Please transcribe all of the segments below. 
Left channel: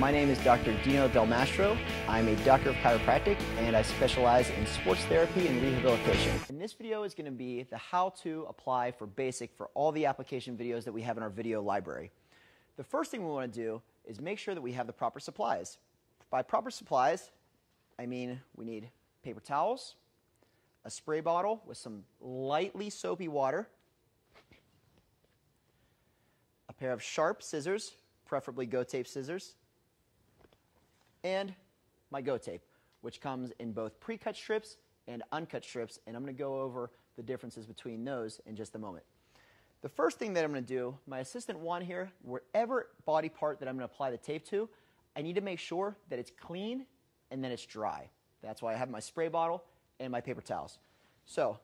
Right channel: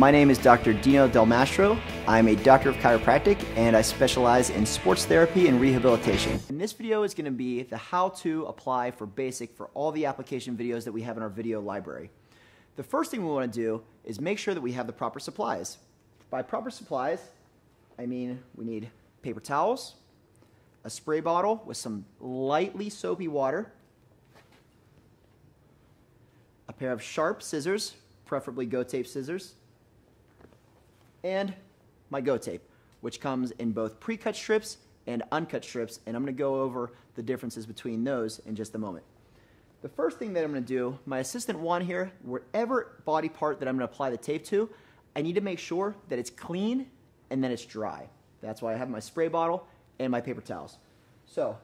My name is Dr. Dino Del Mastro. I'm a doctor of chiropractic and I specialize in sports therapy and rehabilitation. And this video is going to be the how to apply for basic for all the application videos that we have in our video library. The first thing we want to do is make sure that we have the proper supplies. By proper supplies, I mean we need paper towels, a spray bottle with some lightly soapy water, a pair of sharp scissors, preferably Go-Tape scissors, and my Go-Tape, which comes in both pre-cut strips and uncut strips, and I'm going to go over the differences between those in just a moment. The first thing that I'm going to do, my assistant Juan here, whatever body part that I'm going to apply the tape to, I need to make sure that it's clean and that it's dry. That's why I have my spray bottle and my paper towels. So,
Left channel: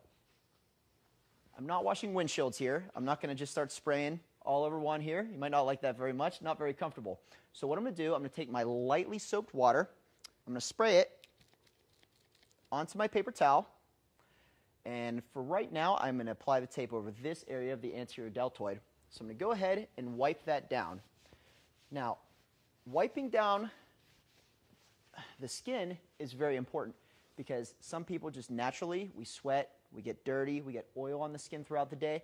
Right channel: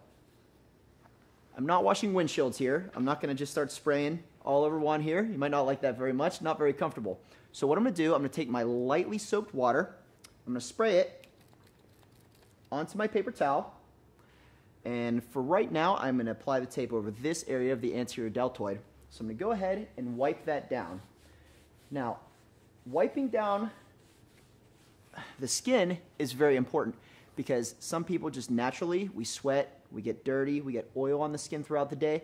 I'm not washing windshields here. I'm not going to just start spraying all over Juan here. You might not like that very much, not very comfortable. So what I'm going to do, I'm going to take my lightly soaped water, I'm going to spray it onto my paper towel, and for right now, I'm going to apply the tape over this area of the anterior deltoid. So I'm going to go ahead and wipe that down. Now, wiping down the skin is very important because some people just naturally, we sweat, we get dirty, we get oil on the skin throughout the day.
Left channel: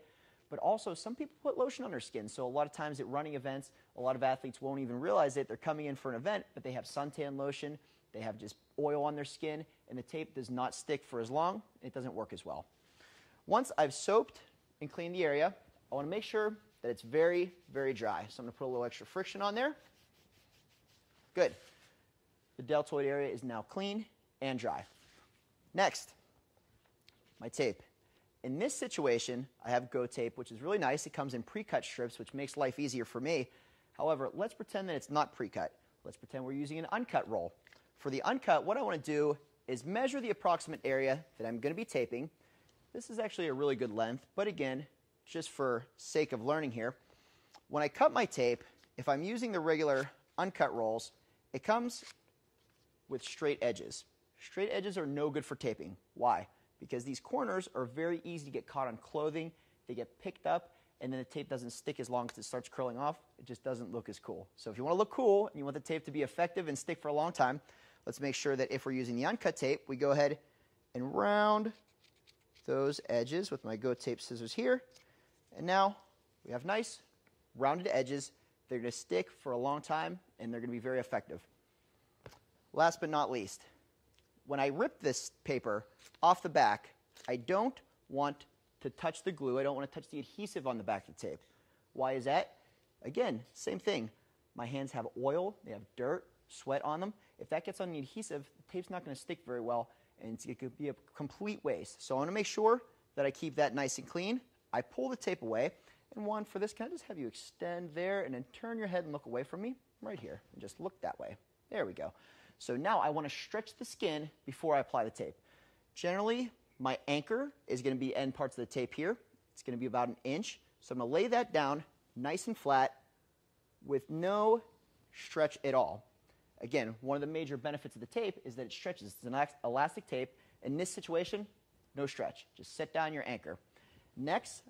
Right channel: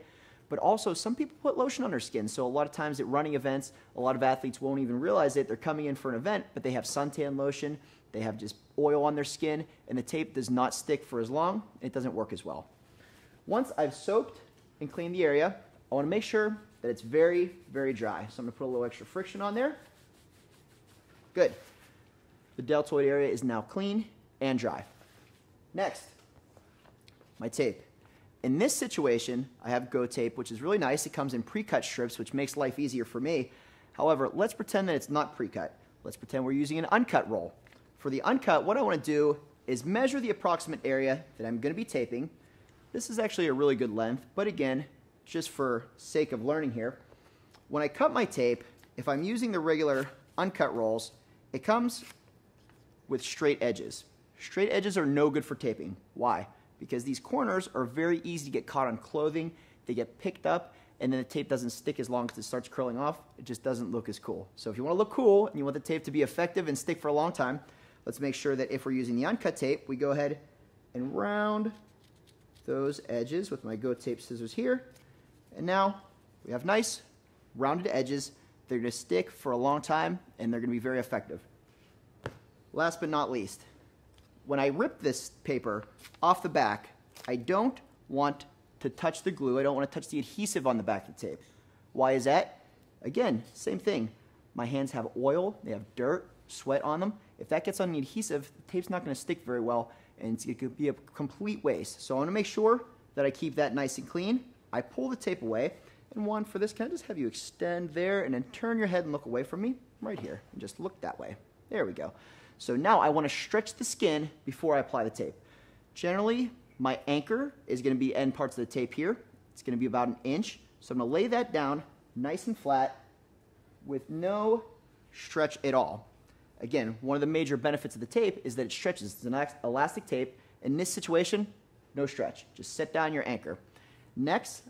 But also, some people put lotion on their skin, so a lot of times at running events, a lot of athletes won't even realize it. They're coming in for an event, but they have suntan lotion, they have just oil on their skin, and the tape does not stick for as long, and it doesn't work as well. Once I've soaped and cleaned the area, I want to make sure that it's very, very dry. So I'm going to put a little extra friction on there. Good. The deltoid area is now clean and dry. Next, my tape. In this situation, I have Go-Tape, which is really nice. It comes in pre-cut strips, which makes life easier for me. However, let's pretend that it's not pre-cut. Let's pretend we're using an uncut roll. For the uncut, what I want to do is measure the approximate area that I'm going to be taping. This is actually a really good length, but again, just for sake of learning here, when I cut my tape, if I'm using the regular uncut rolls, it comes with straight edges. Straight edges are no good for taping. Why? Because these corners are very easy to get caught on clothing, they get picked up, and then the tape doesn't stick as long as it starts curling off. It just doesn't look as cool. So if you want to look cool and you want the tape to be effective and stick for a long time, let's make sure that if we're using the uncut tape, we go ahead and round those edges with my Go-Tape scissors here. And now we have nice rounded edges. They're going to stick for a long time and they're going to be very effective. Last but not least, when I rip this paper off the back, I don't want to touch the glue. I don't want to touch the adhesive on the back of the tape. Why is that? Again, same thing. My hands have oil, they have dirt, sweat on them. If that gets on the adhesive, the tape's not going to stick very well, and it could be a complete waste. So I want to make sure that I keep that nice and clean. I pull the tape away, and one for this, can I just have you extend there and then turn your head and look away from me? Right here, and just look that way. There we go. So now I want to stretch the skin before I apply the tape. Generally, my anchor is going to be end parts of the tape here. It's going to be about 1 inch. So I'm going to lay that down nice and flat with no stretch at all. Again, one of the major benefits of the tape is that it stretches. It's an elastic tape. In this situation, no stretch. Just set down your anchor. Next,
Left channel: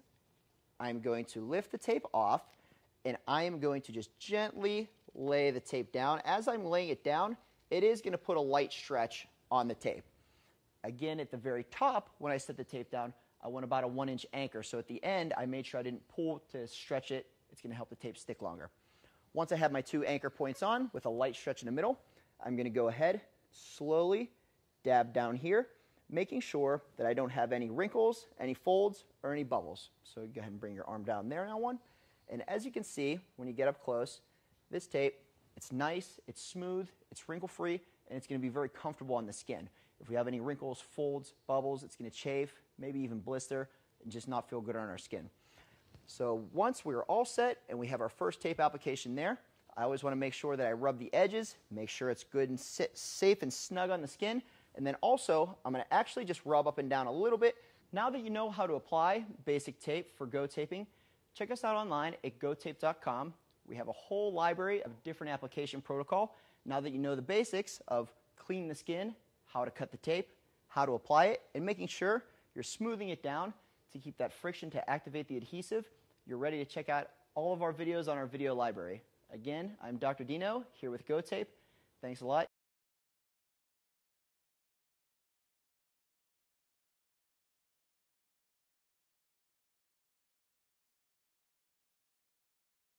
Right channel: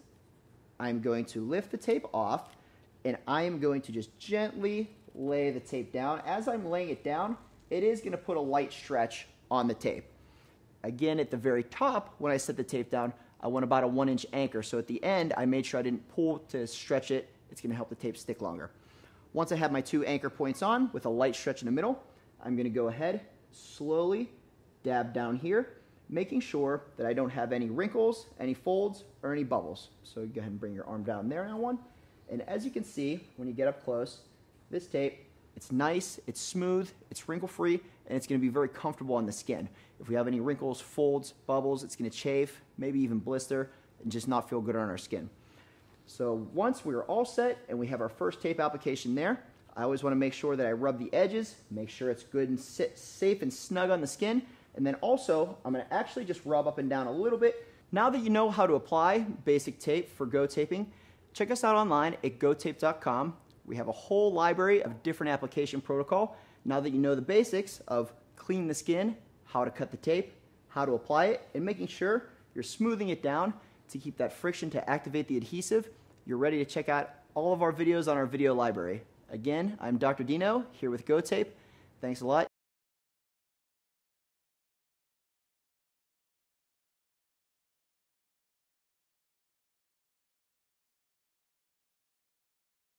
I'm going to lift the tape off, and I am going to just gently lay the tape down. As I'm laying it down, it is going to put a light stretch on the tape. Again, at the very top, when I set the tape down, I want about a 1 inch anchor. So at the end, I made sure I didn't pull to stretch it. It's going to help the tape stick longer. Once I have my 2 anchor points on with a light stretch in the middle, I'm going to go ahead, slowly dab down here, making sure that I don't have any wrinkles, any folds, or any bubbles. So go ahead and bring your arm down there now, one. And as you can see, when you get up close, this tape, it's nice, it's smooth, it's wrinkle-free, and it's going to be very comfortable on the skin. If we have any wrinkles, folds, bubbles, it's going to chafe, maybe even blister, and just not feel good on our skin. So once we're all set and we have our first tape application there, I always want to make sure that I rub the edges, make sure it's good and safe and snug on the skin, and then also I'm going to actually just rub up and down a little bit. Now that you know how to apply basic tape for Go-Taping, check us out online at gotape.com. We have a whole library of different application protocol. Now that you know the basics of cleaning the skin, how to cut the tape, how to apply it, and making sure you're smoothing it down to keep that friction to activate the adhesive, you're ready to check out all of our videos on our video library. Again, I'm Dr. Dino here with Go Tape. Thanks a lot.